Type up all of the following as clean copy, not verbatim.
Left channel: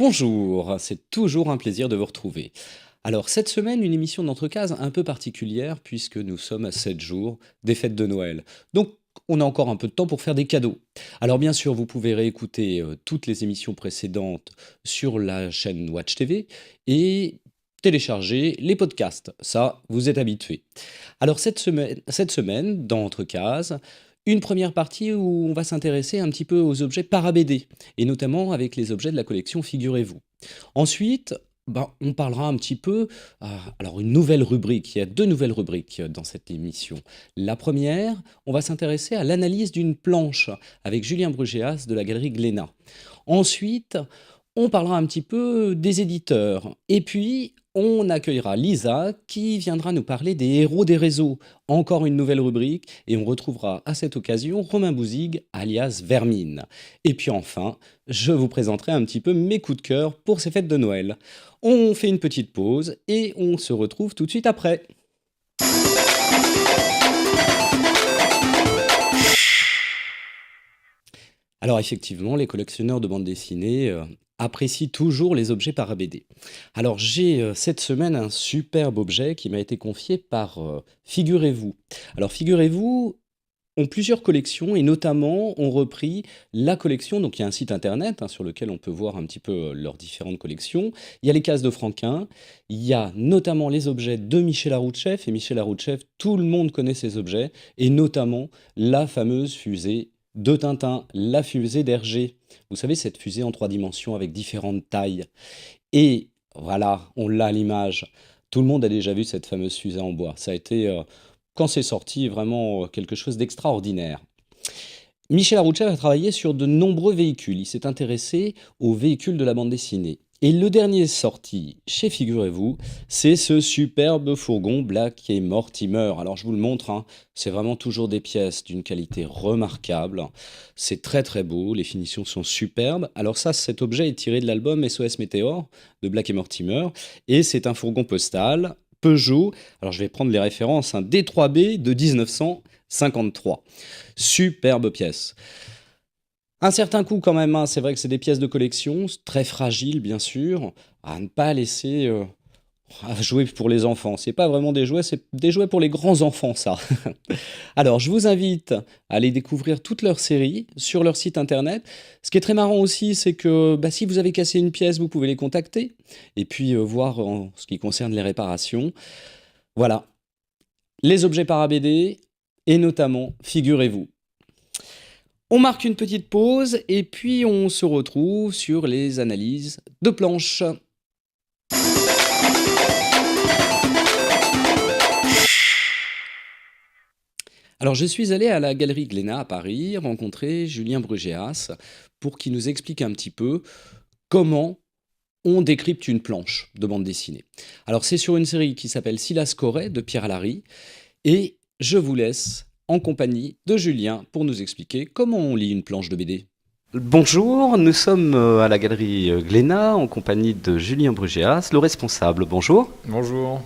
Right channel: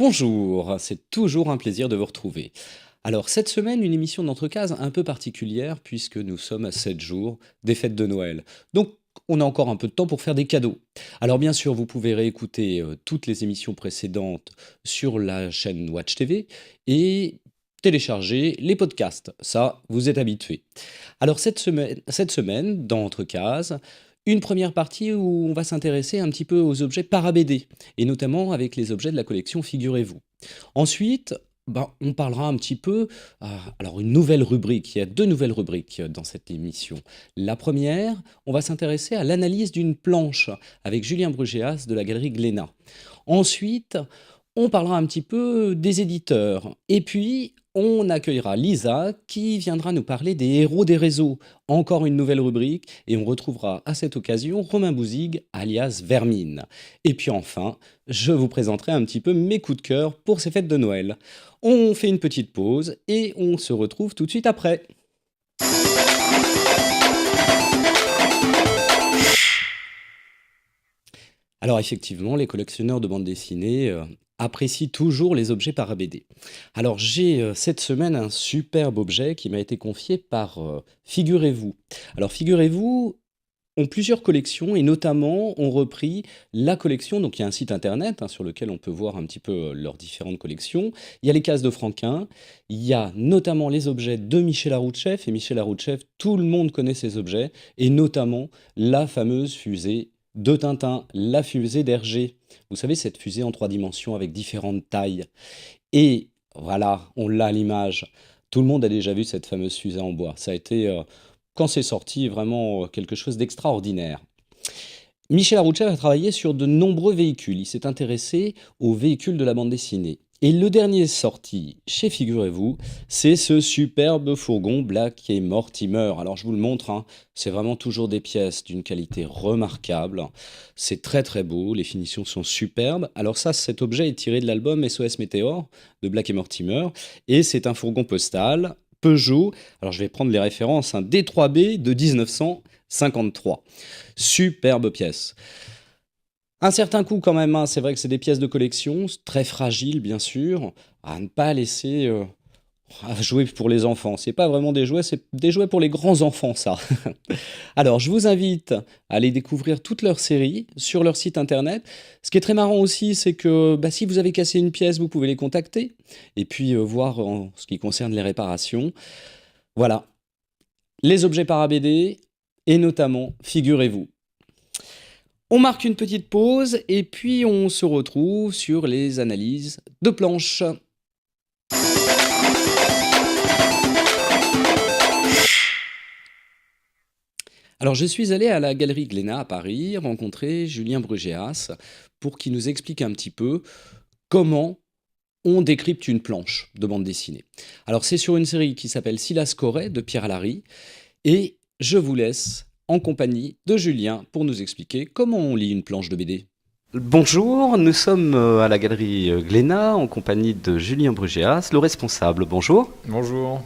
Bonjour, c'est toujours un plaisir de vous retrouver. Alors cette semaine, une émission d'entrecase un peu particulière puisque nous sommes à 7 jours des fêtes de Noël. Donc on a encore un peu de temps pour faire des cadeaux. Alors bien sûr, vous pouvez réécouter toutes les émissions précédentes sur la chaîne Watch TV et télécharger les podcasts. Ça, vous êtes habitués. Alors cette semaine dans Entrecase, une première partie où on va s'intéresser un petit peu aux objets para-BD et notamment avec les objets de la collection Figurez-vous. Ensuite, on parlera un petit peu, alors une nouvelle rubrique, il y a 2 nouvelles rubriques dans cette émission. La première, on va s'intéresser à l'analyse d'une planche avec Julien Brugéas de la galerie Glénat. Ensuite, on parlera un petit peu des éditeurs et puis on accueillera Lisa qui viendra nous parler des héros des réseaux. Encore une nouvelle rubrique et on retrouvera à cette occasion Romain Bouzigues alias Vermine. Et puis enfin, je vous présenterai un petit peu mes coups de cœur pour ces fêtes de Noël. On fait une petite pause et on se retrouve tout de suite après. Alors effectivement, les collectionneurs de bande dessinée apprécient toujours les objets para-BD. Alors j'ai cette semaine un superbe objet qui m'a été confié par Figurez-vous. Alors Figurez-vous ont plusieurs collections et notamment ont repris la collection, donc il y a un site internet sur lequel on peut voir un petit peu leurs différentes collections. Il y a les cases de Franquin, il y a notamment les objets de Michel Aroutchef, et Michel Aroutchef, tout le monde connaît ces objets, et notamment la fameuse fusée de Tintin, la fusée d'Hergé. Vous savez, cette fusée en 3 dimensions avec différentes tailles. Et voilà, on l'a à l'image. Tout le monde a déjà vu cette fameuse fusée en bois. Ça a été, quand c'est sorti, vraiment quelque chose d'extraordinaire. Michel Aroutchef a travaillé sur de nombreux véhicules. Il s'est intéressé aux véhicules de la bande dessinée. Et le dernier sorti chez Figurez-vous, c'est ce superbe fourgon Black et Mortimer. Alors je vous le montre, c'est vraiment toujours des pièces d'une qualité remarquable. C'est très très beau, les finitions sont superbes. Alors ça, cet objet est tiré de l'album SOS Météore de Black et Mortimer. Et c'est un fourgon postal Peugeot. Alors je vais prendre les références, D3B de 1953. Superbe pièce. Un certain coût quand même, c'est vrai que c'est des pièces de collection, très fragiles bien sûr, à ne pas laisser à jouer pour les enfants. C'est pas vraiment des jouets, c'est des jouets pour les grands enfants ça. Alors je vous invite à aller découvrir toute leur série sur leur site internet. Ce qui est très marrant aussi, c'est que si vous avez cassé une pièce, vous pouvez les contacter et puis voir en ce qui concerne les réparations. Voilà, les objets para-BD et notamment, figurez-vous. On marque une petite pause et puis on se retrouve sur les analyses de planches. Alors je suis allé à la galerie Glénat à Paris rencontrer Julien Brugéas pour qu'il nous explique un petit peu comment on décrypte une planche de bande dessinée. Alors c'est sur une série qui s'appelle Silas Corée de Pierre Alary et je vous laisse en compagnie de Julien pour nous expliquer comment on lit une planche de BD. Bonjour, nous sommes à la galerie Glénat en compagnie de Julien Brugéas, le responsable. Bonjour. Bonjour.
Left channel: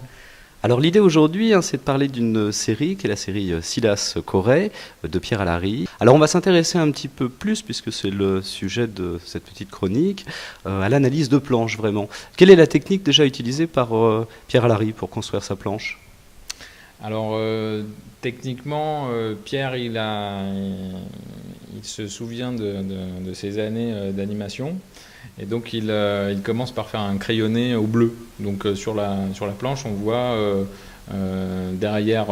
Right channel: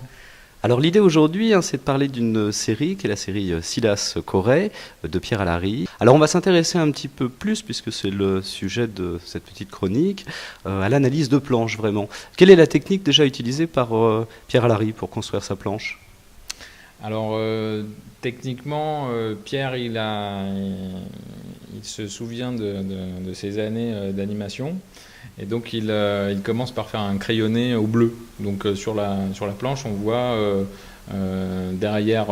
Alors l'idée aujourd'hui, c'est de parler d'une série qui est la série Silas Corée de Pierre Alary. Alors on va s'intéresser un petit peu plus, puisque c'est le sujet de cette petite chronique, à l'analyse de planches vraiment. Quelle est la technique déjà utilisée par Pierre Alary pour construire sa planche ? Alors techniquement, Pierre il se souvient de ses années d'animation et donc il commence par faire un crayonné au bleu. Donc sur la planche on voit derrière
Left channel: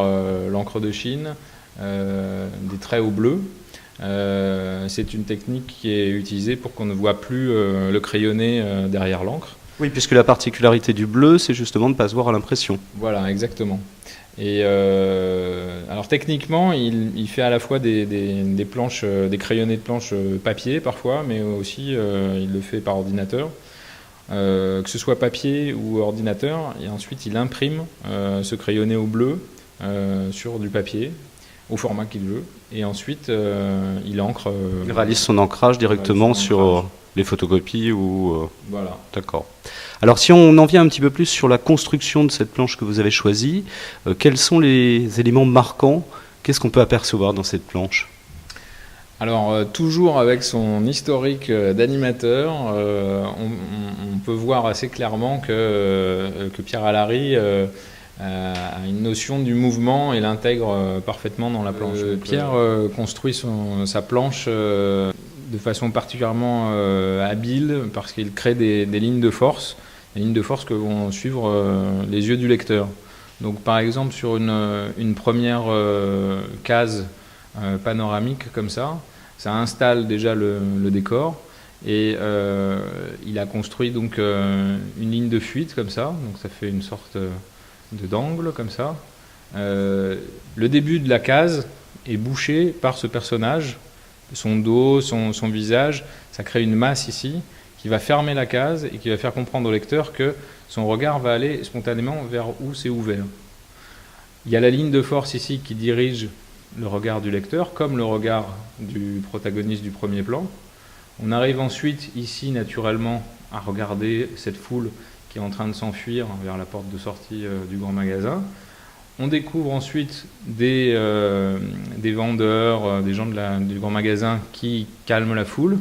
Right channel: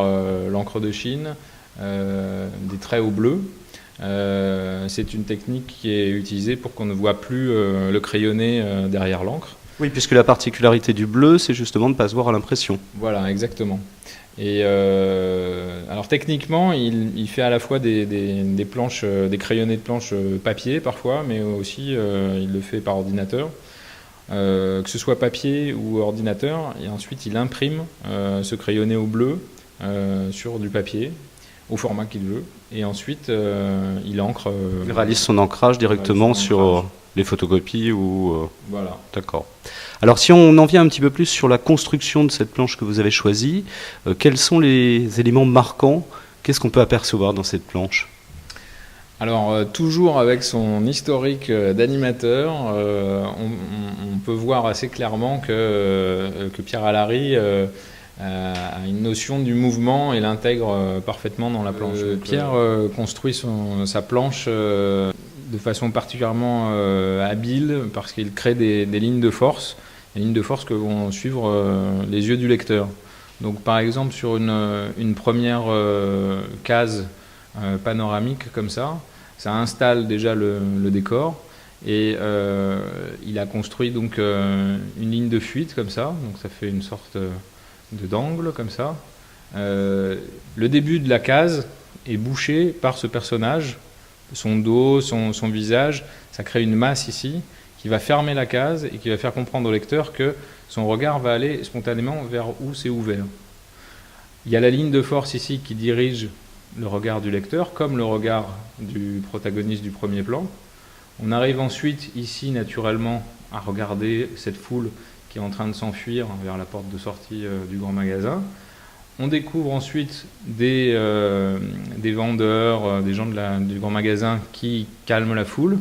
l'encre de Chine des traits au bleu. C'est une technique qui est utilisée pour qu'on ne voit plus le crayonné derrière l'encre. Oui, puisque la particularité du bleu, c'est justement de ne pas se voir à l'impression. Voilà, exactement. Et alors techniquement, il fait à la fois des planches, des crayonnés de planches papier parfois, mais aussi il le fait par ordinateur, que ce soit papier ou ordinateur. Et ensuite, il imprime ce crayonné au bleu sur du papier au format qu'il veut. Et ensuite, il encre. Il réalise son ancrage directement sur les photocopies ou. Voilà. D'accord. Alors si on en vient un petit peu plus sur la construction de cette planche que vous avez choisie, quels sont les éléments marquants ? Qu'est-ce qu'on peut apercevoir dans cette planche ? Alors, toujours avec son historique d'animateur, on peut voir assez clairement que Pierre Alary a une notion du mouvement et l'intègre parfaitement dans la planche. Pierre construit sa planche de façon particulièrement habile parce qu'il crée des lignes de force, des lignes de force que vont suivre les yeux du lecteur. Donc par exemple sur une première case panoramique comme ça installe déjà le décor et il a construit donc une ligne de fuite comme ça, donc ça fait une sorte d'angle comme ça. Le début de la case est bouché par ce personnage, son dos, son visage, ça crée une masse ici qui va fermer la case et qui va faire comprendre au lecteur que son regard va aller spontanément vers où c'est ouvert. Il y a la ligne de force ici qui dirige le regard du lecteur, comme le regard du protagoniste du premier plan. On arrive ensuite ici naturellement à regarder cette foule qui est en train de s'enfuir vers la porte de sortie du grand magasin. On découvre ensuite des vendeurs, des gens du grand magasin qui calment la foule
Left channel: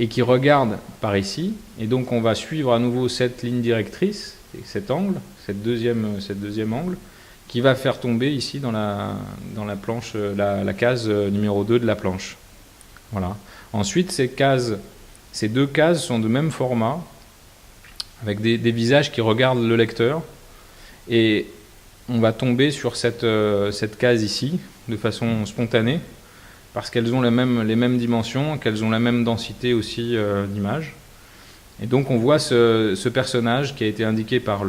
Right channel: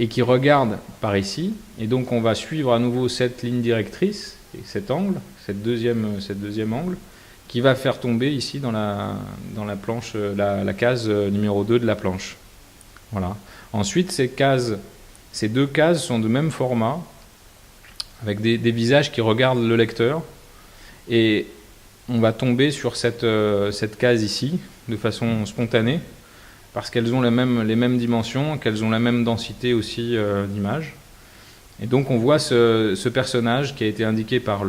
et qui regardent par ici. Et donc on va suivre à nouveau cette ligne directrice, cet angle, cette deuxième angle, qui va faire tomber ici dans la planche, la case numéro 2 de la planche. Voilà. Ensuite, ces deux cases sont de même format, avec des visages qui regardent le lecteur. Et on va tomber sur cette case ici, de façon spontanée, parce qu'elles ont les mêmes dimensions, qu'elles ont la même densité aussi d'image. Et donc on voit ce personnage qui a été indiqué par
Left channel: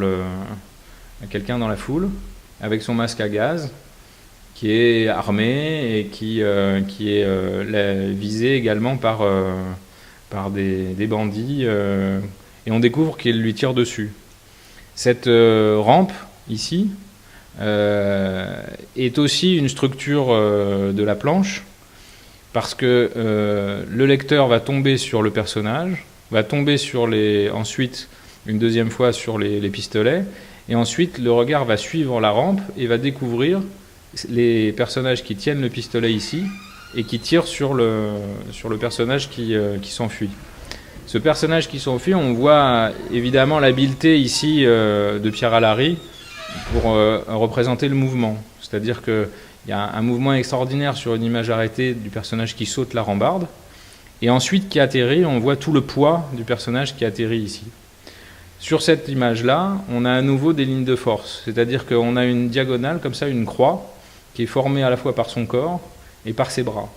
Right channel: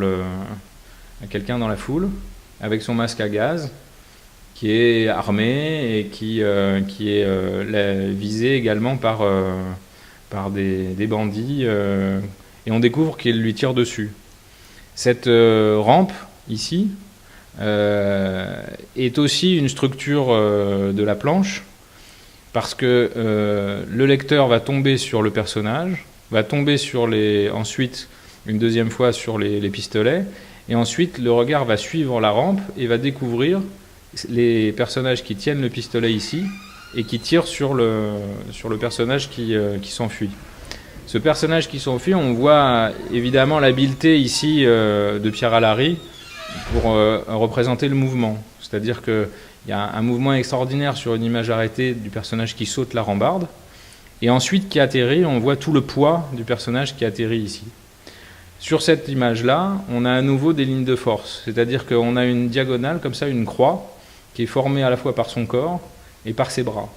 quelqu'un dans la foule, avec son masque à gaz, qui est armé et qui est visé également par des bandits, et on découvre qu'il lui tire dessus. Cette rampe, ici, est aussi une structure de la planche, parce que le lecteur va tomber sur le personnage, va tomber ensuite, une deuxième fois, sur les pistolets, et ensuite le regard va suivre la rampe et va découvrir les personnages qui tiennent le pistolet ici et qui tirent sur le personnage qui s'enfuit. Ce personnage qui s'enfuit, on voit évidemment l'habileté ici de Pierre Alary pour représenter le mouvement. C'est-à-dire qu'il y a un mouvement extraordinaire sur une image arrêtée du personnage qui saute la rambarde, et ensuite qui atterrit, on voit tout le poids du personnage qui atterrit ici. Sur cette image-là, on a à nouveau des lignes de force, c'est-à-dire qu'on a une diagonale, comme ça, une croix, qui est formée à la fois par son corps et par ses bras.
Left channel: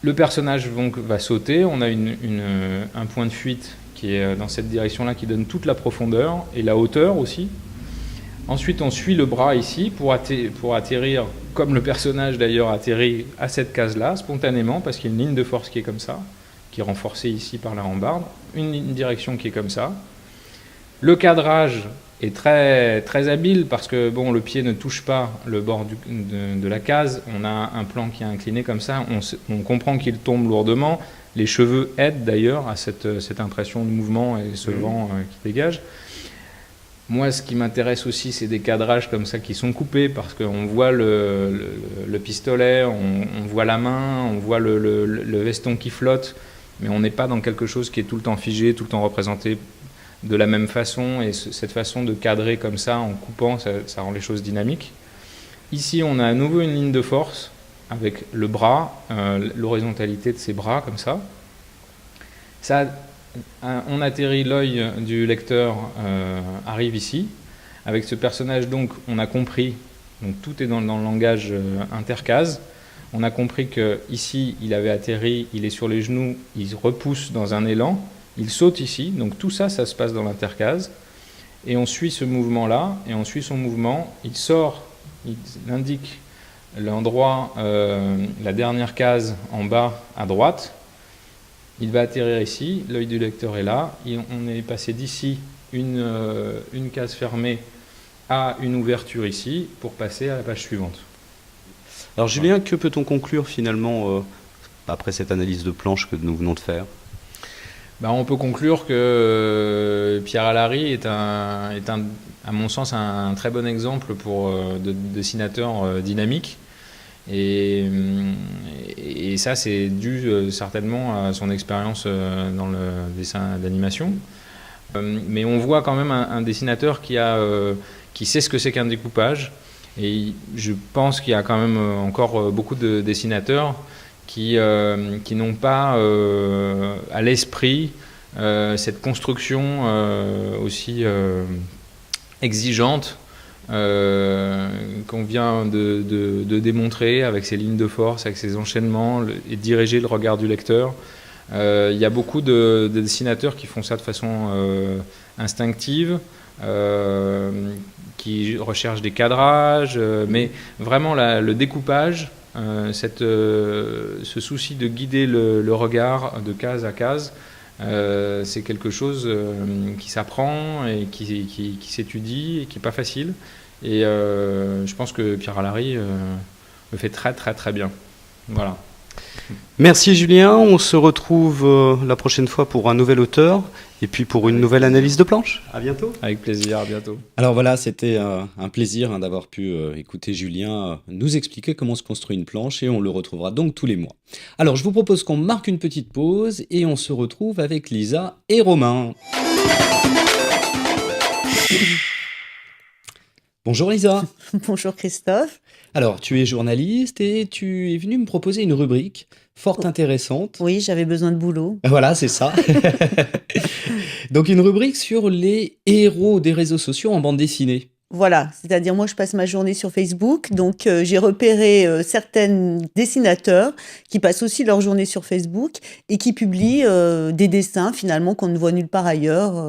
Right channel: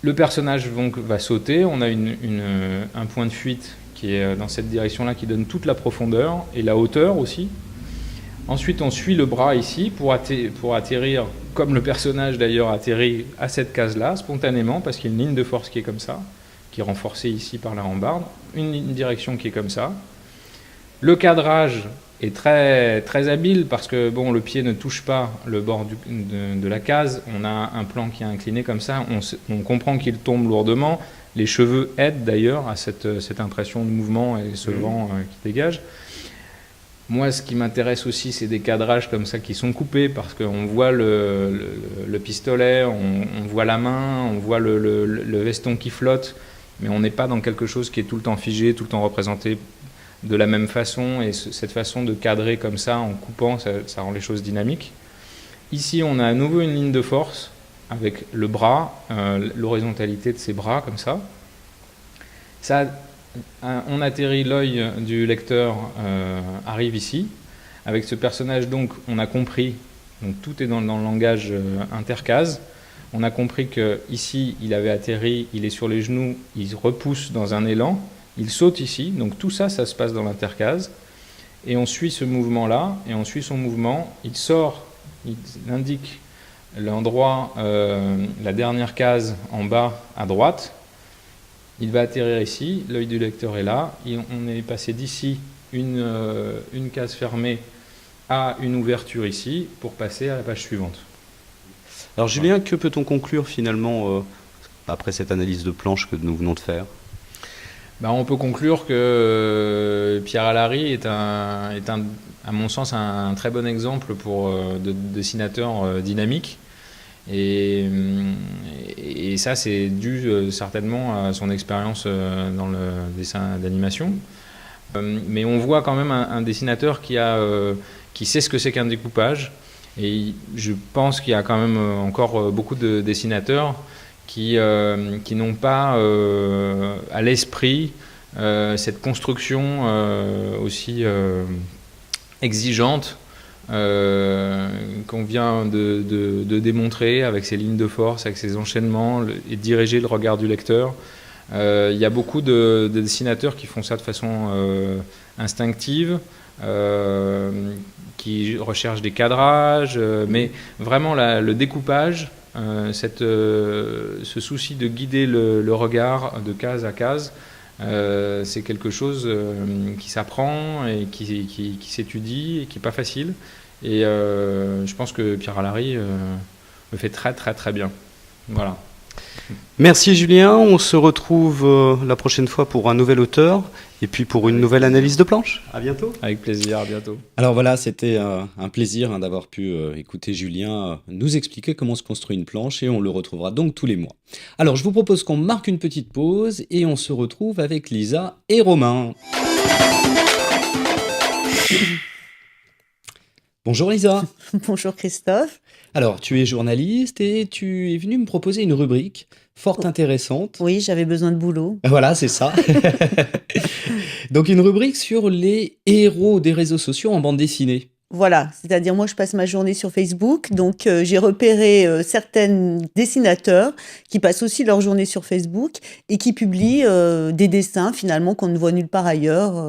Le personnage donc va sauter, on a un point de fuite qui est dans cette direction-là, qui donne toute la profondeur et la hauteur aussi. Ensuite, on suit le bras ici pour atterrir, comme le personnage d'ailleurs atterrit à cette case-là, spontanément, parce qu'il y a une ligne de force qui est comme ça, qui est renforcée ici par la rambarde, une direction qui est comme ça. Le cadrage est très, très habile parce que bon, le pied ne touche pas le bord de la case. On a un plan qui est incliné comme ça. On comprend qu'il tombe lourdement. Les cheveux aident d'ailleurs à cette impression de mouvement et ce vent qui dégage. Moi, ce qui m'intéresse aussi, c'est des cadrages comme ça qui sont coupés parce qu'on voit le pistolet, on voit la main, on voit le veston qui flotte, mais on n'est pas dans quelque chose qui est tout le temps figé, tout le temps représenté de la même façon, et cette façon de cadrer comme ça, en coupant, ça rend les choses dynamiques. Ici, on a à nouveau une ligne de force avec le bras, l'horizontalité de ses bras, comme ça. On atterrit, l'œil du lecteur arrive ici. Avec ce personnage, donc, on a compris, donc tout est dans le langage intercase. On a compris qu'ici, il avait atterri, il est sur les genoux, il repousse dans un élan, il saute ici. Donc tout ça, ça se passe dans l'intercase. Et on suit ce mouvement-là, et on suit son mouvement. Il sort, il indique l'endroit, la dernière case en bas à droite. Il va atterrir ici, l'œil du lecteur est là. On est passé d'ici une case fermée à une ouverture ici pour passer à la page suivante. Alors Julien, que peut-on conclure finalement après cette analyse de planche que nous venons de faire ? On peut conclure que Pierre Alary est à mon sens, un très bon exemple de dessinateur dynamique et et ça, c'est dû certainement à son expérience dans le dessin d'animation. Mais on voit quand même un dessinateur qui sait ce que c'est qu'un découpage. Et je pense qu'il y a quand même encore beaucoup de dessinateurs qui n'ont pas à l'esprit cette construction aussi exigeante qu'on vient de démontrer avec ses lignes de force, avec ses enchaînements et diriger le regard du lecteur. Il y a beaucoup de dessinateurs qui font ça de façon instinctive, qui recherchent des cadrages, mais vraiment le découpage, ce souci de guider le regard de case à case, c'est quelque chose qui s'apprend et qui s'étudie et qui n'est pas facile. Et je pense que Pierre Alary le fait très très très bien. Voilà. Merci Julien, on se retrouve la prochaine fois pour un nouvel auteur et puis pour une nouvelle analyse de planche. À bientôt. Avec plaisir, à bientôt. Alors voilà, c'était un plaisir d'avoir pu écouter Julien nous expliquer comment se construit une planche et on le retrouvera donc tous les mois. Alors je vous propose qu'on marque une petite pause et on se retrouve avec Lisa et Romain. Bonjour Lisa. Bonjour Christophe. Alors, tu es journaliste et tu es venu me proposer une rubrique fort intéressante. Oui, j'avais besoin de boulot. Voilà, c'est ça. Donc, une rubrique sur les héros des réseaux sociaux en bande dessinée. Voilà, c'est-à-dire moi je passe ma journée sur Facebook, donc j'ai repéré certains dessinateurs qui passent aussi leur journée sur Facebook et qui publient des dessins finalement qu'on ne voit nulle part ailleurs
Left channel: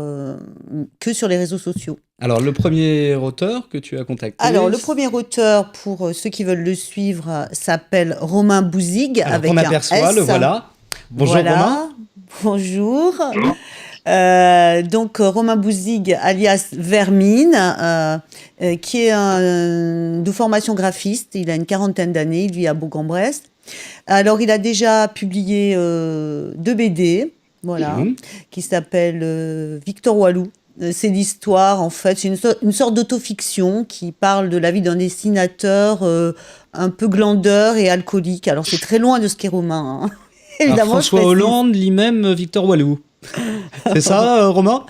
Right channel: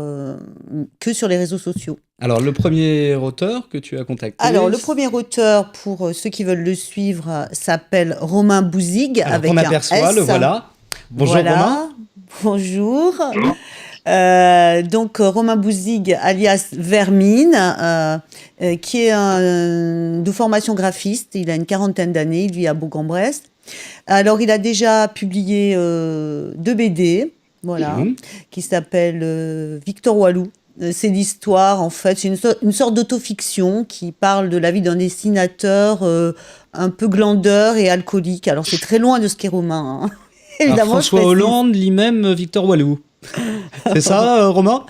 que sur les réseaux sociaux. Alors, le premier auteur que tu as contacté. Alors, le premier auteur, pour ceux qui veulent le suivre, s'appelle Romain Bouzigues. Alors, avec on un aperçoit, S. le voilà. Bonjour Voilà. Romain. Bonjour. Donc Romain Bouzigues, alias Vermine, qui est de formation graphiste. Il a une quarantaine d'années, il vit à Bourg-en-Bresse. Alors, il a déjà publié 2 BD, voilà, qui s'appellent Victor Walou. C'est l'histoire, en fait, c'est une sorte d'autofiction qui parle de la vie d'un dessinateur un peu glandeur et alcoolique. Alors, c'est très loin de ce qu'est Romain, hein. Alors, Évidemment, je François précise. Hollande lit même Victor Walou. C'est ça, Romain?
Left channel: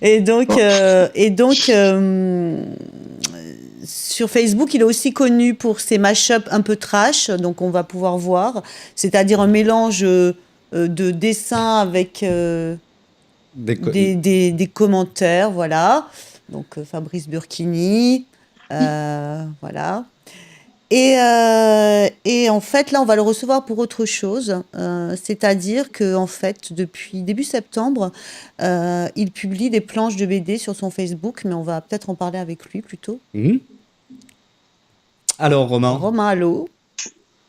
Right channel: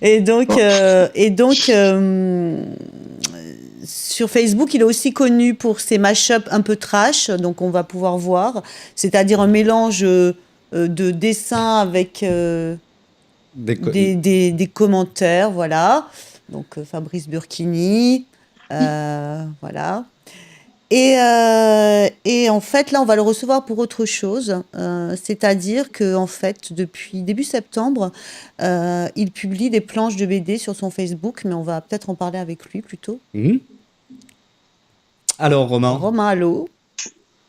Et donc, sur Facebook, il est aussi connu pour ses mash-up un peu trash, donc on va pouvoir voir, c'est-à-dire un mélange de dessins avec des commentaires, voilà. Donc Fabrice Burkini, voilà. Et en fait, là, on va le recevoir pour autre chose. C'est-à-dire que, en fait, depuis début septembre, il publie des planches de BD sur son Facebook, mais on va peut-être en parler avec lui plutôt. Alors, Romain. Romain, allô.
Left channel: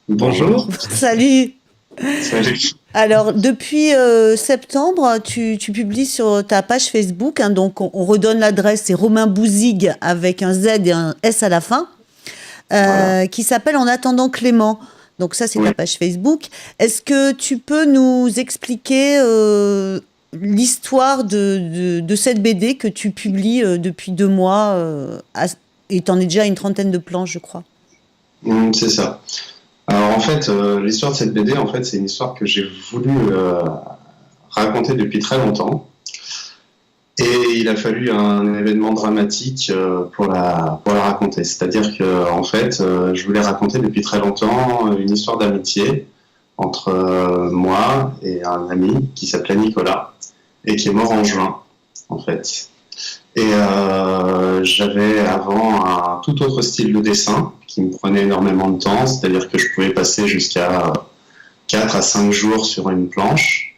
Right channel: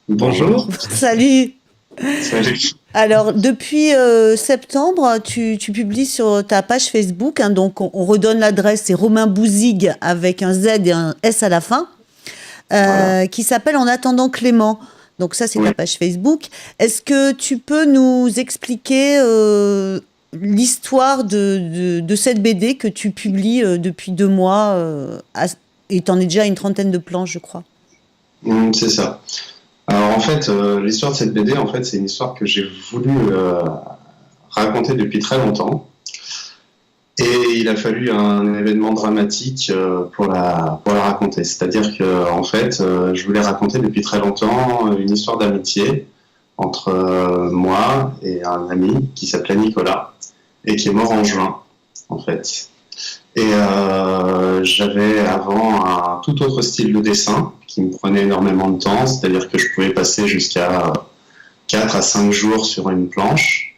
Bonjour. Salut. Salut. Alors, depuis septembre, tu publies sur ta page Facebook, hein, donc on redonne l'adresse, c'est Romain Bouzigues avec un Z et un S à la fin. Voilà. Qui s'appelle En attendant Clément. Donc ça, c'est Oui. ta page Facebook. Est-ce que tu peux nous expliquer l'histoire de cette BD que tu publies depuis 2 mois et tu en es déjà à une 30aine de planches, je crois. C'est ça. Alors en fait, l'histoire de cette BD, en fait, c'est une histoire que j'ai voulu raconter depuis très longtemps. Et il a fallu un événement dramatique pour la raconter. C'est-à-dire que en fait, je voulais raconter depuis très longtemps une histoire d'amitié entre moi et un ami qui s'appelait Nicolas et qui est mort en juin, en fait. Et j'avais avant un tout autre style de dessin qui me prenait énormément de temps, c'est-à-dire que je pouvais passer jusqu'à 4 à 5 jours sur une planche.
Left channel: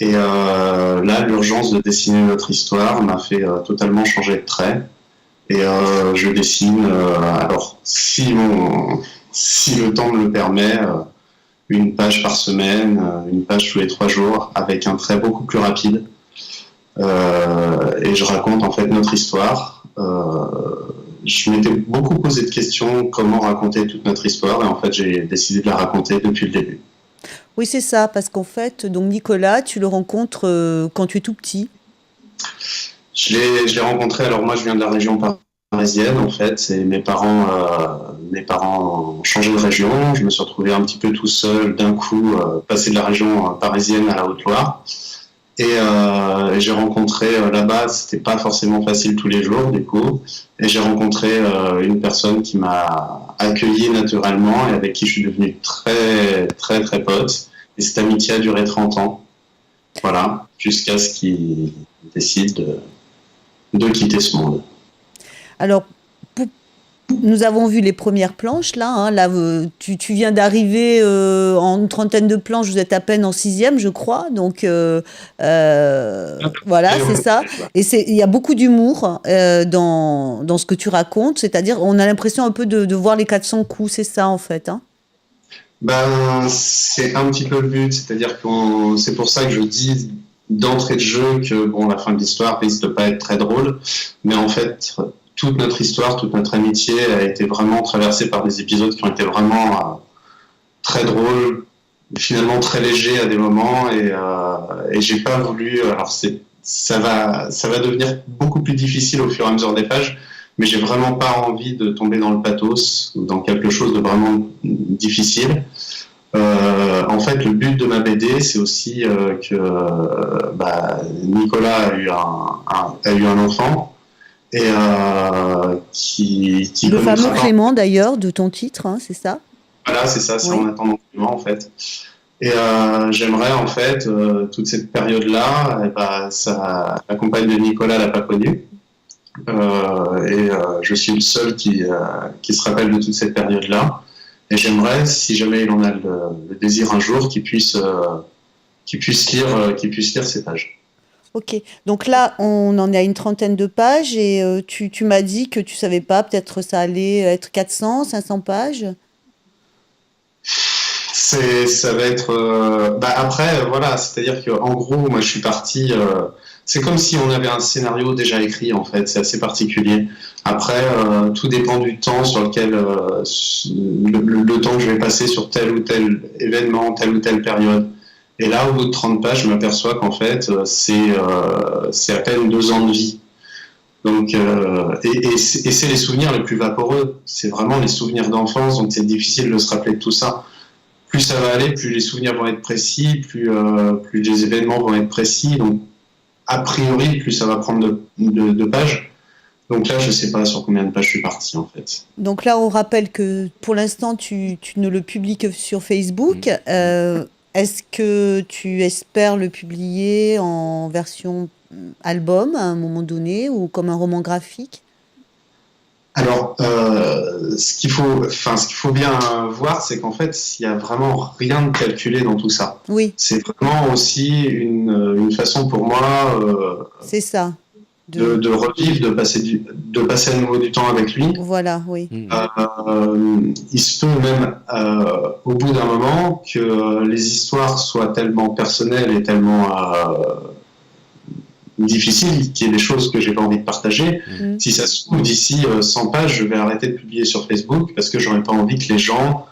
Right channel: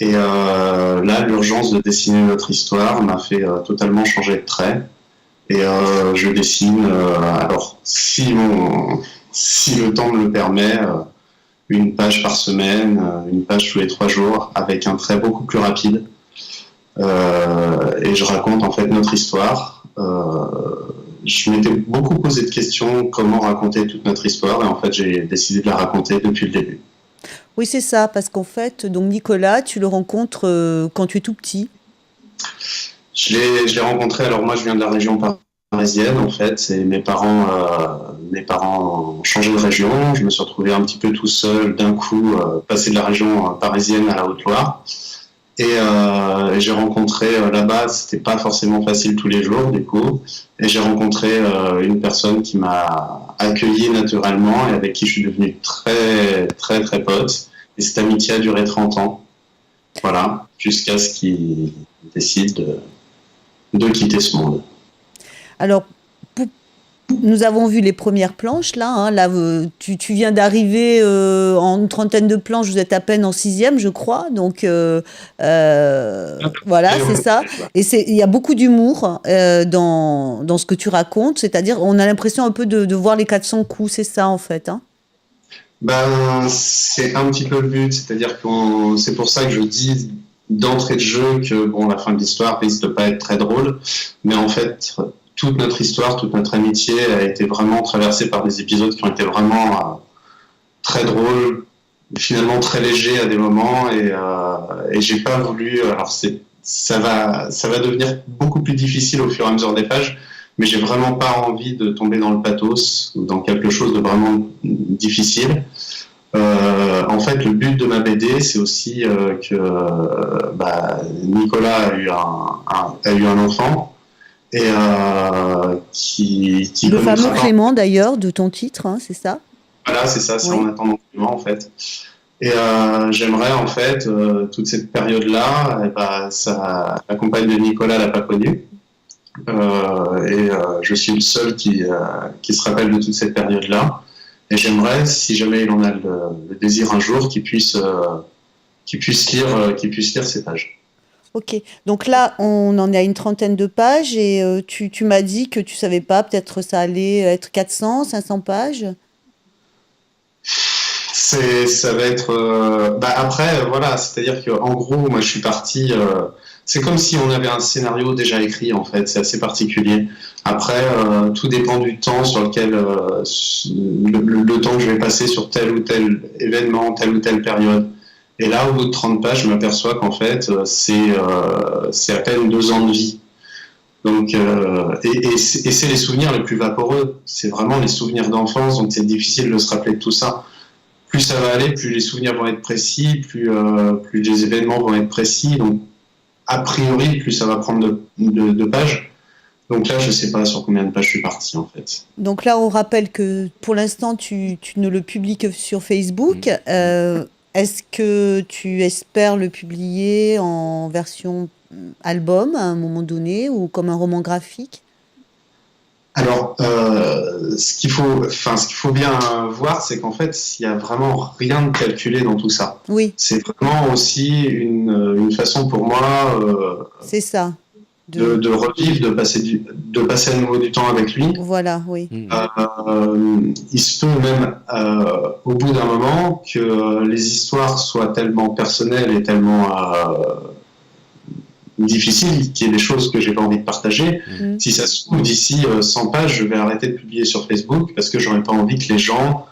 Et là, l'urgence de dessiner notre histoire m'a fait totalement changer de trait. Et je dessine, alors si le temps me le permet, une page par semaine, une page tous les 3 jours, avec un trait beaucoup plus rapide. Et je raconte en fait notre histoire. Je m'étais beaucoup posé de questions, comment raconter toute notre histoire, et en fait j'ai décidé de la raconter depuis le début. Oui, c'est ça, parce qu'en fait, donc Nicolas, tu le rencontres quand tu es tout petit. Je l'ai rencontré, alors moi je viens de la région parisienne, en fait, et mes parents ont changé de région. Je me suis retrouvé un petit peu tout seul, d'un coup, passé de la région parisienne à la Haute-Loire. Et j'ai rencontré là-bas, c'était pas forcément facile tous les jours, du coup, et j'ai rencontré une personne qui m'a accueilli naturellement et avec qui je suis devenu très, très, très pote. Et cette amitié a duré 30 ans. Voilà, jusqu'à ce qu'il décide de quitter ce monde. Alors, pou- nous avons vu les premières planches là. Hein. Là, tu viens d'arriver en une trentaine de planches. Vous êtes à peine en sixième, je crois. Donc voilà, c'est ça. Et il y a beaucoup d'humour dans ce que tu racontes. C'est-à-dire, on a l'impression un peu de voir les 400 coups. C'est ça en fait. Hein. Ben, c'est un petit peu le but, c'est-à-dire que c'est pour ça que je dis d'entrée de jeu que bon, la fin de l'histoire risque de pas être très drôle, mais en fait, toute notre histoire, toute notre amitié a été vraiment traversée par des épisodes qui ont été vraiment très drôles, finalement très légers à des moments, et j'ai pas voulu. Alors ça va devenir beaucoup plus difficile au fur et à mesure des pages, mais j'ai vraiment pas envie de tomber dans le pathos ou dans quelque chose de vraiment difficile. En fait, le but de ma BD, c'est aussi que Nicolas a eu un enfant et qui Le fameux connaîtra. Clément d'ailleurs de ton titre, hein, c'est ça? Voilà, c'est ça, c'est Oui. en attendant Clément, en fait. Et j'aimerais en fait toute cette période-là, la compagne de Nicolas l'a pas connue. Je suis le seul qui se rappelle de toute cette période-là. Et j'aimerais, si jamais il en a le désir un jour, qu'il puisse lire ces pages. Ok. Donc là, on en est à une trentaine de pages et tu m'as dit que tu savais pas, peut-être ça allait être 400, 500 pages. Ça va être. Après, voilà, c'est-à-dire qu'en gros, moi, je suis parti. C'est comme si on avait un scénario déjà écrit, en fait. C'est assez particulier. Après, tout dépend du temps sur lequel. Le temps que je vais passer sur tel ou tel événement, telle ou telle période. Et là, au bout de 30 pages, je m'aperçois qu'en fait, c'est à peine 2 ans de vie. Donc, c'est les souvenirs les plus vaporeux. C'est vraiment les souvenirs d'enfance, donc c'est difficile de se rappeler de tout ça. Plus ça va aller, plus les souvenirs vont être précis, plus les événements vont être précis. Donc, a priori, plus ça va prendre de pages. Donc là, je ne sais pas sur combien de pages je suis parti, en fait. Donc là, on rappelle que pour l'instant, tu ne le publies que sur Facebook. Est-ce que tu espères le publier en version album à un moment donné ou comme un roman graphique? Alors, ce qu'il faut bien voir, c'est qu'en fait, il n'y a vraiment rien de calculé dans tout ça. Oui, C'est vraiment aussi une façon pour moi c'est ça. de revivre, de passer à nouveau du temps avec lui. Voilà, oui. Il se peut même, au bout d'un moment, que les histoires soient tellement personnelles et tellement difficiles qu'il y ait des choses que j'ai pas envie de partager. Si ça se trouve, d'ici 100 pages, je vais arrêter de publier sur Facebook parce que j'aurais pas envie que les gens...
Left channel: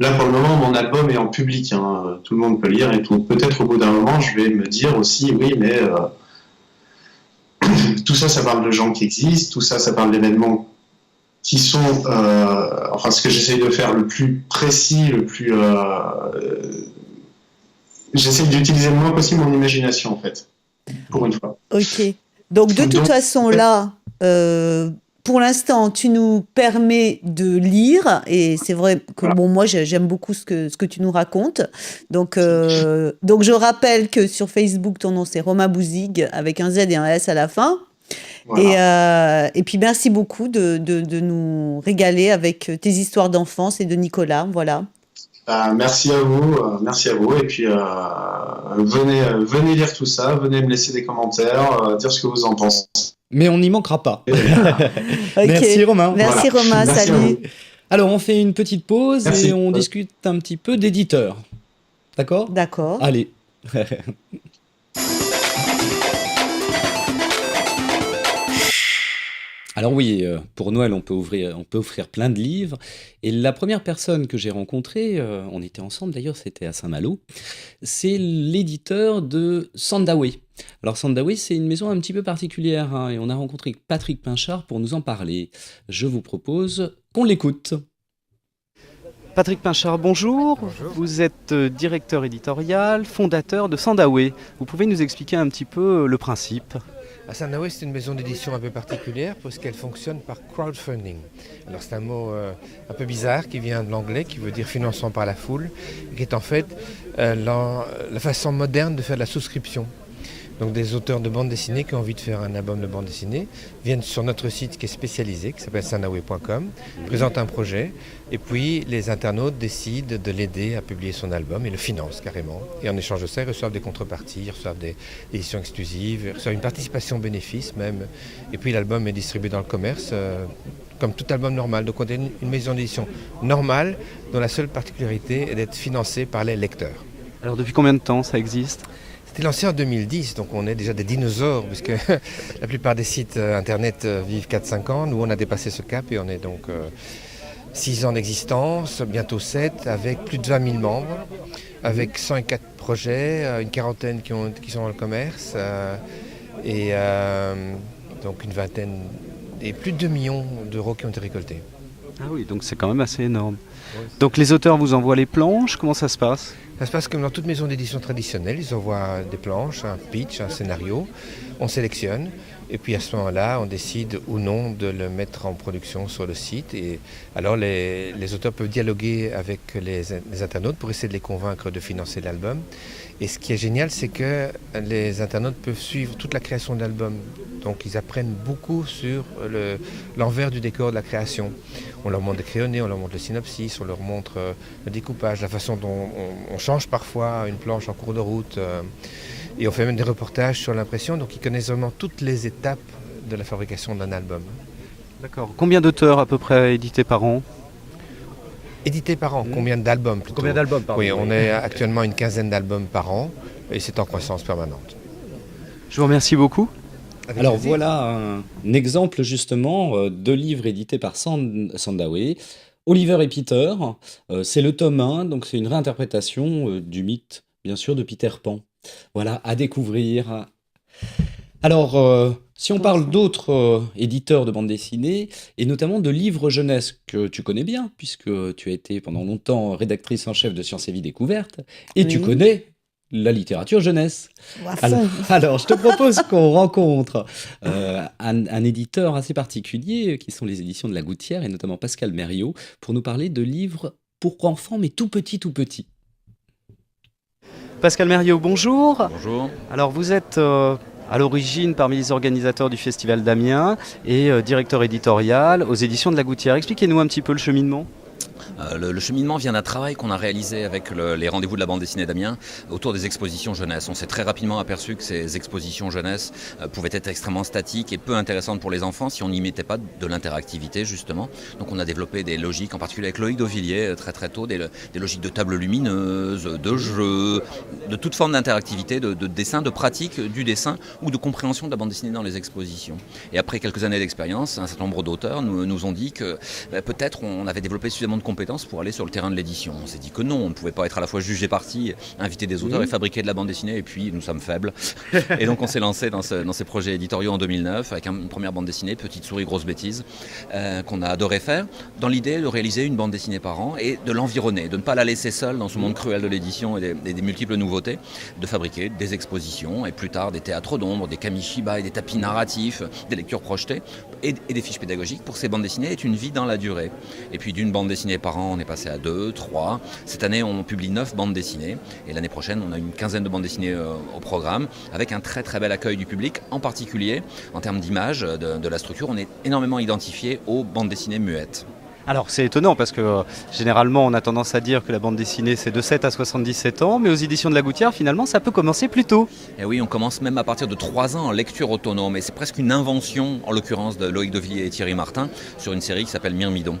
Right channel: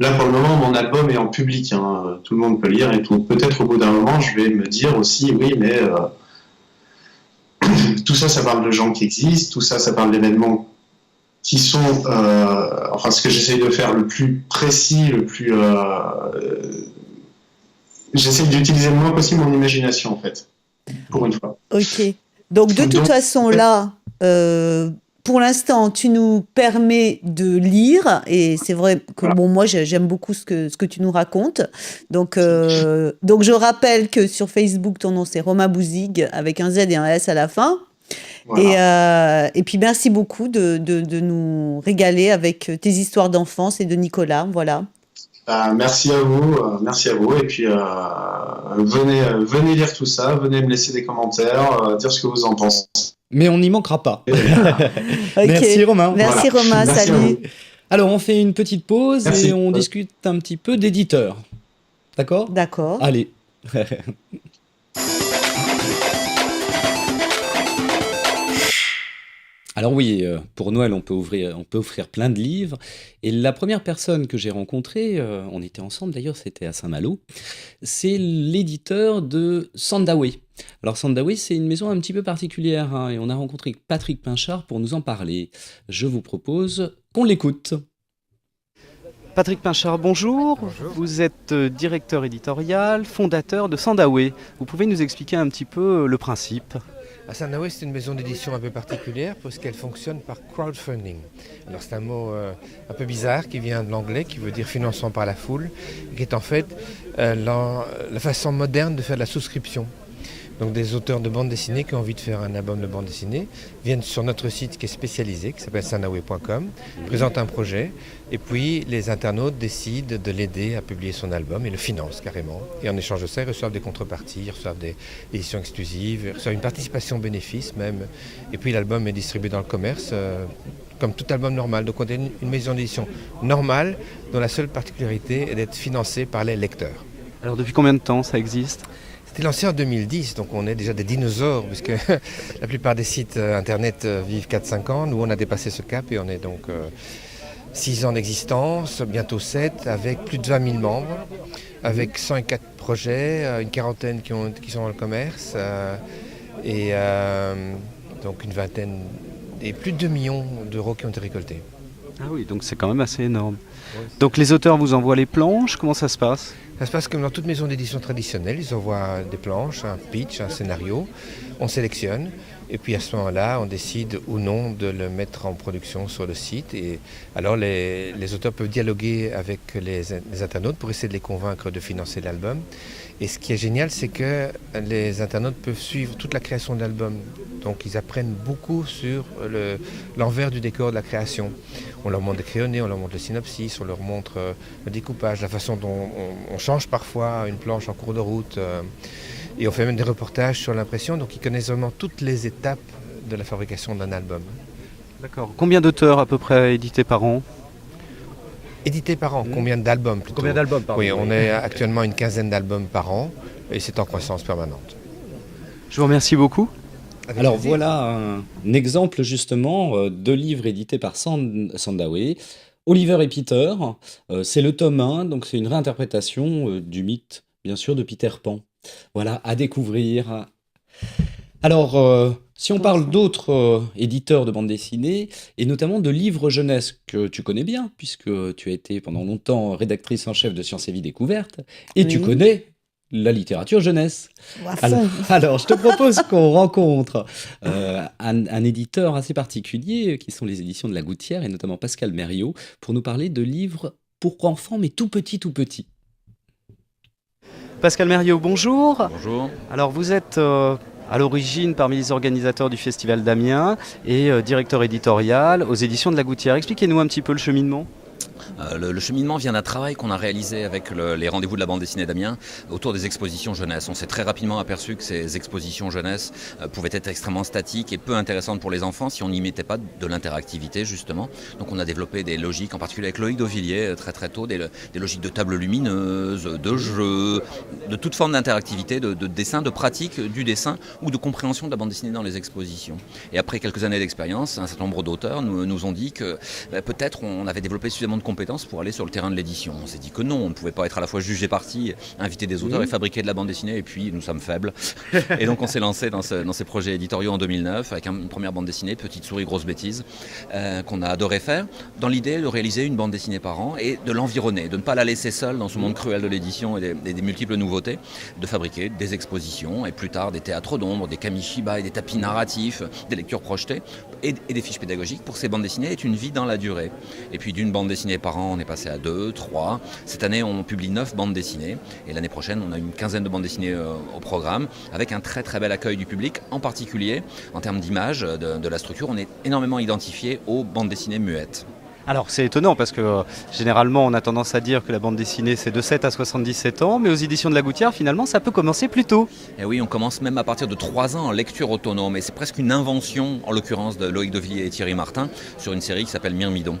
Là, pour le moment, mon album est en public. Hein, tout le monde peut lire et tout. Peut-être au bout d'un moment, je vais me dire aussi, oui, mais tout ça, ça parle de gens qui existent. Tout ça, ça parle d'événements qui sont... ce que j'essaie de faire le plus précis, j'essaie d'utiliser le moins possible mon imagination, en fait. Pour une fois. Ok. Donc, de toute façon, là, pour l'instant, tu nous permets de lire, et c'est vrai que bon, moi, j'aime beaucoup ce que tu nous racontes. Donc, je rappelle que sur Facebook, ton nom, c'est Romain Bouzigues, avec un Z et un S à la fin. Voilà. Et puis, merci beaucoup de nous régaler avec tes histoires d'enfance et de Nicolas. Voilà. Merci à vous, et puis venez lire tout ça, venez me laisser des commentaires, dire ce que vous en pensez. Mais on n'y manquera pas. Okay. Merci Romain. Merci Voilà. Romain, Merci salut. Alors on fait une petite pause Merci. et on discute un petit peu d'éditeur. D'accord? D'accord. Allez. Alors oui, pour Noël, on peut offrir plein de livres. Et la première personne que j'ai rencontrée, on était ensemble d'ailleurs, c'était à Saint-Malo, c'est l'éditeur de Sandaway. Alors Sandaway, c'est une maison un petit peu particulière, hein, et on a rencontré Patrick Pinchard pour nous en parler. Je vous propose qu'on l'écoute. Patrick Pinchard, bonjour. Bonjour. Vous êtes directeur éditorial, fondateur de Sandaway. Vous pouvez nous expliquer un petit peu le principe? Sandaway, c'est une maison d'édition un peu particulière parce qu'elle fonctionne par crowdfunding. Alors c'est un mot un peu bizarre qui vient de l'anglais, qui veut dire financement par la foule, et qui est en fait la façon moderne de faire de la souscription. Donc des auteurs de bande dessinée qui ont envie de faire un album de bande dessinée viennent sur notre site qui est spécialisé, qui s'appelle sandaway.com, présentent un projet, et puis les internautes décident de l'aider à publier son album et le financent carrément. Et en échange de ça, ils reçoivent des contreparties, ils reçoivent des éditions exclusives, ils reçoivent une participation bénéfice même. Et puis l'album est distribué dans le commerce comme tout album normal. Donc on est une maison d'édition normale dont la seule particularité est d'être financée par les lecteurs. Alors depuis combien de temps ça existe? C'était lancé en 2010, donc on est déjà des dinosaures, puisque la plupart des sites internet vivent 4-5 ans. Nous, on a dépassé ce cap et on est donc 6 ans d'existence, bientôt 7, avec plus de 20 000 membres, avec 104 projets, une quarantaine qui sont dans le commerce, et donc une vingtaine, et plus de 2 millions d'euros qui ont été récoltés. Ah oui, donc c'est quand même assez énorme. Donc les auteurs vous envoient les planches, comment ça se passe? Ça se passe comme dans toute maison d'édition traditionnelle, ils envoient des planches, un pitch, un scénario, on sélectionne, et puis à ce moment-là, on décide ou non de le mettre en production sur le site. Et alors les auteurs peuvent dialoguer avec les internautes pour essayer de les convaincre de financer l'album. Et ce qui est génial, c'est que les internautes peuvent suivre toute la création de l'album. Donc ils apprennent beaucoup sur l'envers du décor de la création. On leur montre des crayonnés, on leur montre le synopsis, on leur montre le découpage, la façon dont on change parfois une planche en cours de route. Et on fait même des reportages sur l'impression, donc ils connaissent vraiment toutes les étapes de la fabrication d'un album. D'accord. Combien d'auteurs à peu près édités par an? Édités par an, combien d'albums plutôt? Combien d'albums par an? Oui, on est actuellement à une quinzaine d'albums par an et c'est en croissance permanente. Je vous remercie beaucoup. Avec Alors plaisir. voilà un exemple justement de livres édités par Sandaway. Oliver et Peter, c'est le tome 1, donc c'est une réinterprétation du mythe, bien sûr, de Peter Pan. Voilà, à découvrir. Alors, si on parle d'autres éditeurs de bande dessinée, et notamment de livres jeunesse que tu connais bien, puisque tu as été pendant longtemps rédactrice en chef de Sciences et Vie Découverte, et tu Oui. connais la littérature jeunesse. À Alors, fond. alors, je te propose qu'on rencontre un éditeur assez particulier, qui sont les éditions de La Gouttière, et notamment Pascal Mériot, pour nous parler de livres pour enfants, mais tout petits, tout petits. Pascal Mériot, bonjour. Bonjour. Alors vous êtes à l'origine parmi les organisateurs du Festival d'Amiens et directeur éditorial aux éditions de La Gouttière. Expliquez-nous un petit peu le cheminement. Le cheminement vient d'un travail qu'on a réalisé avec les rendez-vous de la bande dessinée d'Amiens autour des expositions jeunesse. On s'est très rapidement aperçu que ces expositions jeunesse pouvaient être extrêmement statiques et peu intéressantes pour les enfants si on n'y mettait pas de l'interactivité justement. Donc on a développé des logiques, en particulier avec Loïc Dauvilliers très très tôt, des logiques de tables lumineuses, de jeux, de toute forme d'interactivité, de dessin, de pratique du dessin ou de compréhension de la bande dessinée dans les expositions. Et après quelques années d'expérience, un certain nombre d'auteurs nous ont dit que peut-être on avait développé suffisamment de compétences pour aller sur le terrain de l'édition. On s'est dit que non, on ne pouvait pas être à la fois juge et partie, inviter des auteurs et fabriquer de la bande dessinée, et puis nous sommes faibles. Et donc on s'est lancé dans ces projets éditoriaux en 2009 avec une première bande dessinée, Petite souris, grosse bêtise, qu'on a adoré faire, dans l'idée de réaliser une bande dessinée par an et de l'environner, de ne pas la laisser seule dans ce monde cruel de l'édition et des multiples nouveautés, de fabriquer des expositions et plus tard des théâtres d'ombre, des kamishiba et des tapis narratifs, des lectures projetées et des fiches pédagogiques pour ces bandes dessinées est une vie dans la durée. Et puis d'une bande dessinée par an, on est passé à 2, 3. Cette année, on publie 9 bandes dessinées. Et l'année prochaine, on a une quinzaine de bandes dessinées au programme, avec un très très bel accueil du public. En particulier, en termes d'image, de la structure, on est énormément identifié aux bandes dessinées muettes. Alors c'est étonnant parce que généralement on a tendance à dire que la bande dessinée c'est de 7 à 77 ans, mais aux éditions de La Gouttière finalement ça peut commencer plus tôt. Et oui, on commence même à partir de 3 ans en lecture autonome, et c'est presque une invention, en l'occurrence de Loïc Dauvilliers et Thierry Martin, sur une série qui s'appelle Myrmidon.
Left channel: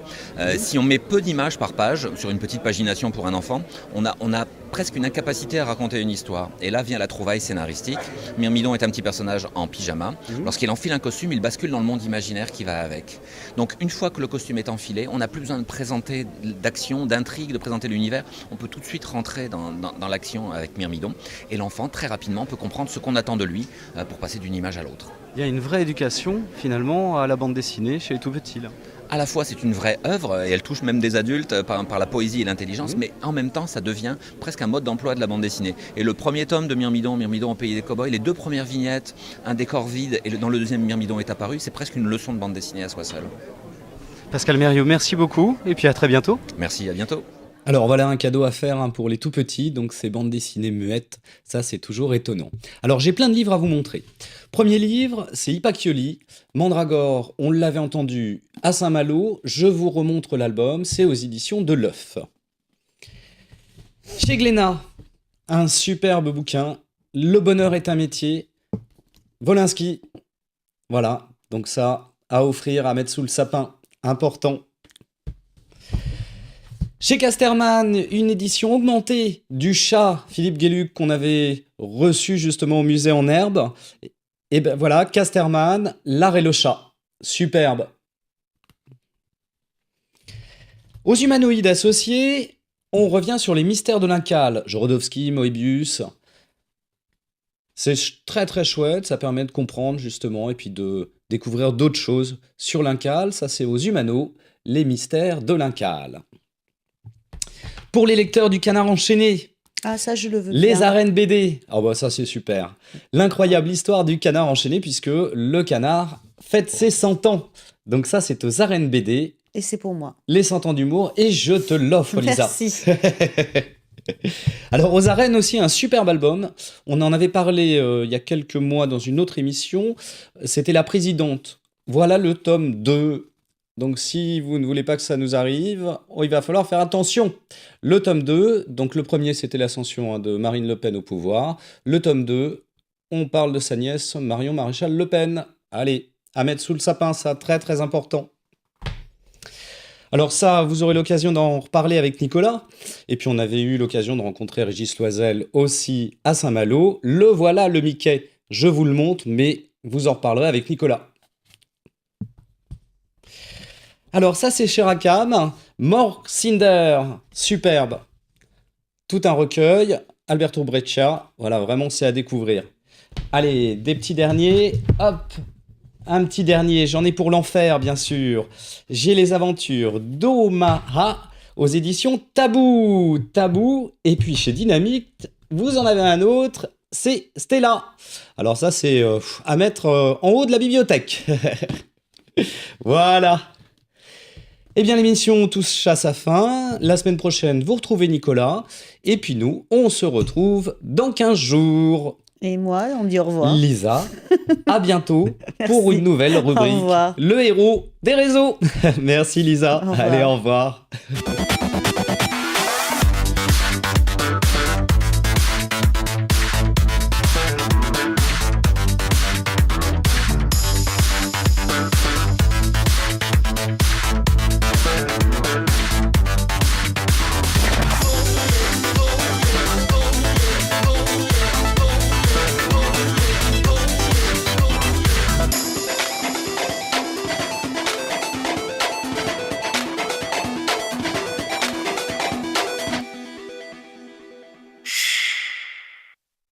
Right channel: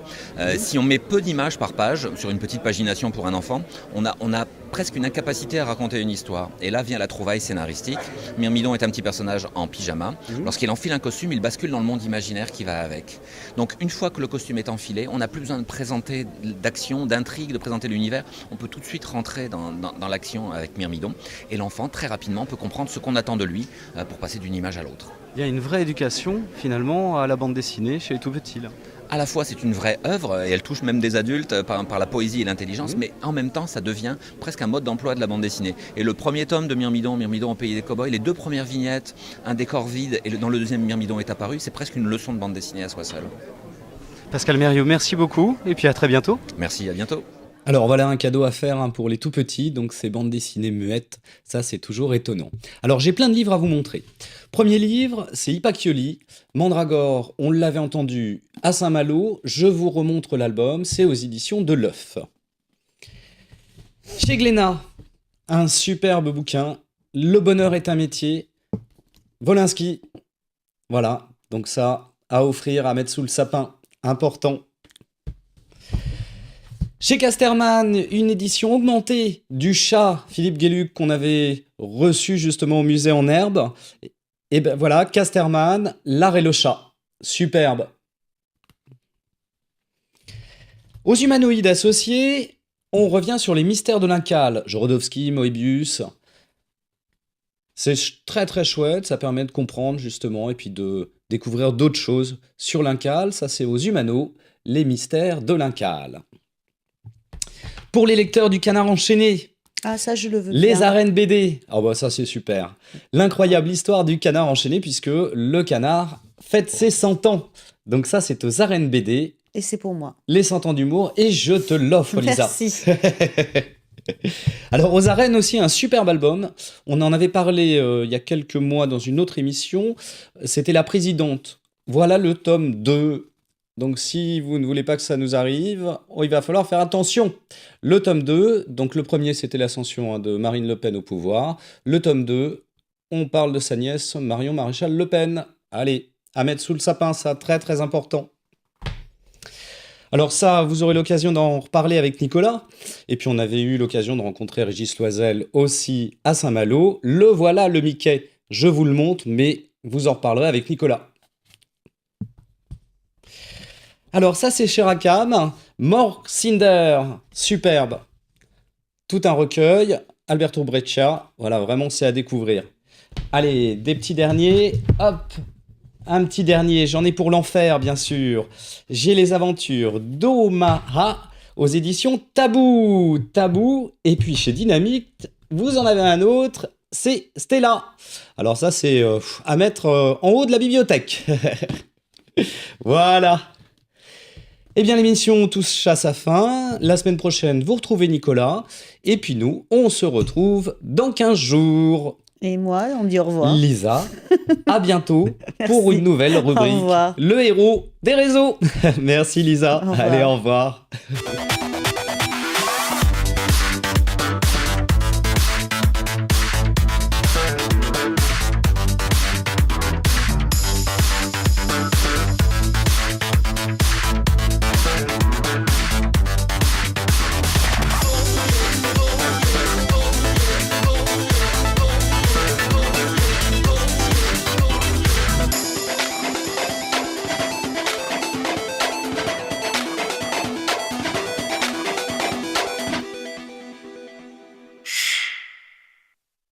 Si on met peu d'images par page, sur une petite pagination pour un enfant, on a presque une incapacité à raconter une histoire. Et là vient la trouvaille scénaristique. Myrmidon est un petit personnage en pyjama. Lorsqu'il enfile un costume, il bascule dans le monde imaginaire qui va avec. Donc une fois que le costume est enfilé, on n'a plus besoin de présenter d'action, d'intrigue, de présenter l'univers. On peut tout de suite rentrer dans l'action avec Myrmidon. Et l'enfant, très rapidement, peut comprendre ce qu'on attend de lui pour passer d'une image à l'autre. Il y a une vraie éducation, finalement, à la bande dessinée chez les tout-petits, là. À la fois, c'est une vraie œuvre et elle touche même des adultes par la poésie et l'intelligence, mais en même temps, ça devient presque un mode d'emploi de la bande dessinée. Et le premier tome de Myrmidon au pays des cow-boys, les 2 premières vignettes, un décor vide, et dans le deuxième, Myrmidon est apparu, c'est presque une leçon de bande dessinée à soi seul. Pascal Mérieux, merci beaucoup, et puis à très bientôt. Merci, à bientôt. Alors voilà un cadeau à faire pour les tout petits, donc ces bandes dessinées muettes, ça c'est toujours étonnant. Alors j'ai plein de livres à vous montrer. Premier livre, c'est Hypacchioli, Mandragore, on l'avait entendu à Saint-Malo, je vous remontre l'album, c'est aux éditions de l'œuf. Chez Glénat, un superbe bouquin, Le bonheur est un métier, Wolinski, voilà, donc ça à offrir, à mettre sous le sapin, important. Chez Casterman, une édition augmentée du chat Philippe Gueluc qu'on avait reçu justement au musée en herbe. Et ben voilà, Casterman, L'art et le chat. Superbe. Aux humanoïdes associés, on revient sur les mystères de l'Incal. Jorodowski, Moebius. C'est très très chouette, ça permet de comprendre justement et puis de découvrir d'autres choses sur l'Incal. Ça c'est aux Humano, les mystères de l'Incal. Pour les lecteurs du Canard enchaîné, Ah, ça, je le veux les bien. arènes BD, ah bah ça c'est super. L'incroyable histoire du Canard enchaîné puisque le canard fête ses 100 ans. Donc ça c'est aux arènes BD, Et c'est pour moi. les 100 ans d'humour et je te l'offre Lisa. Merci. Alors aux arènes aussi un superbe album, on en avait parlé il y a quelques mois dans une autre émission, c'était La Présidente. Voilà le tome 2. Donc si vous ne voulez pas que ça nous arrive, il va falloir faire attention. Le tome 2, donc le premier c'était l'ascension de Marine Le Pen au pouvoir. Le tome 2, on parle de sa nièce Marion Maréchal Le Pen. Allez, à mettre sous le sapin, ça très très important. Alors ça, vous aurez l'occasion d'en reparler avec Nicolas. Et puis on avait eu l'occasion de rencontrer Régis Loisel aussi à Saint-Malo. Le voilà le Mickey, je vous le montre, mais vous en reparlerez avec Nicolas. Alors ça c'est chez Rackham, Mork Cinder, superbe. Tout un recueil, Alberto Breccia, voilà vraiment c'est à découvrir. Allez, des petits derniers, hop, un petit dernier, j'en ai pour l'enfer bien sûr. J'ai les aventures d'Omaha aux éditions Tabou, et puis chez Dynamite, vous en avez un autre, c'est Stella. Alors ça c'est à mettre en haut de la bibliothèque. Voilà. Eh bien, l'émission touche à sa fin. La semaine prochaine, vous retrouvez Nicolas. Et puis nous, on se retrouve dans 15 jours. Et moi, on me dit au revoir. Lisa, à bientôt pour une nouvelle rubrique. Au revoir. Le héros des réseaux. Merci Lisa. Au revoir. Allez, au revoir.